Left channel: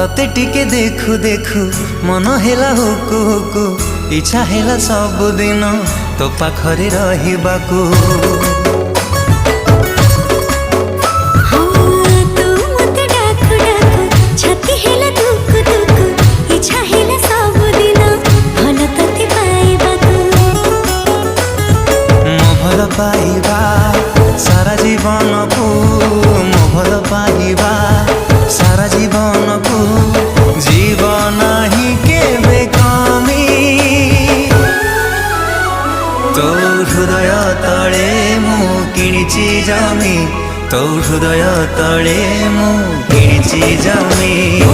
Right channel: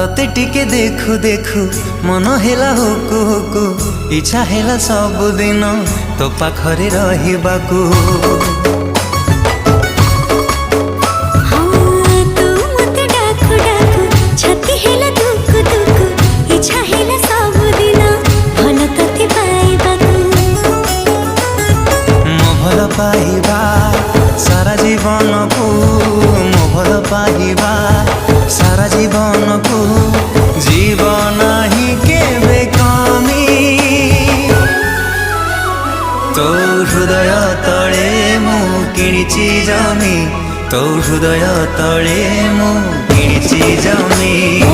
तते टिके देखु देखु मन हेला हुकु हुकु इच्छा हेला सब दिन तो पाखरे रहिबाकू। भल पाइबा सारा जीवन को मो भल पाइबा सारा जीवन को जीवन ही केबे कमी तो हृदय तले मु किणिची जमी तो हृदय तले मु किणिची जमी।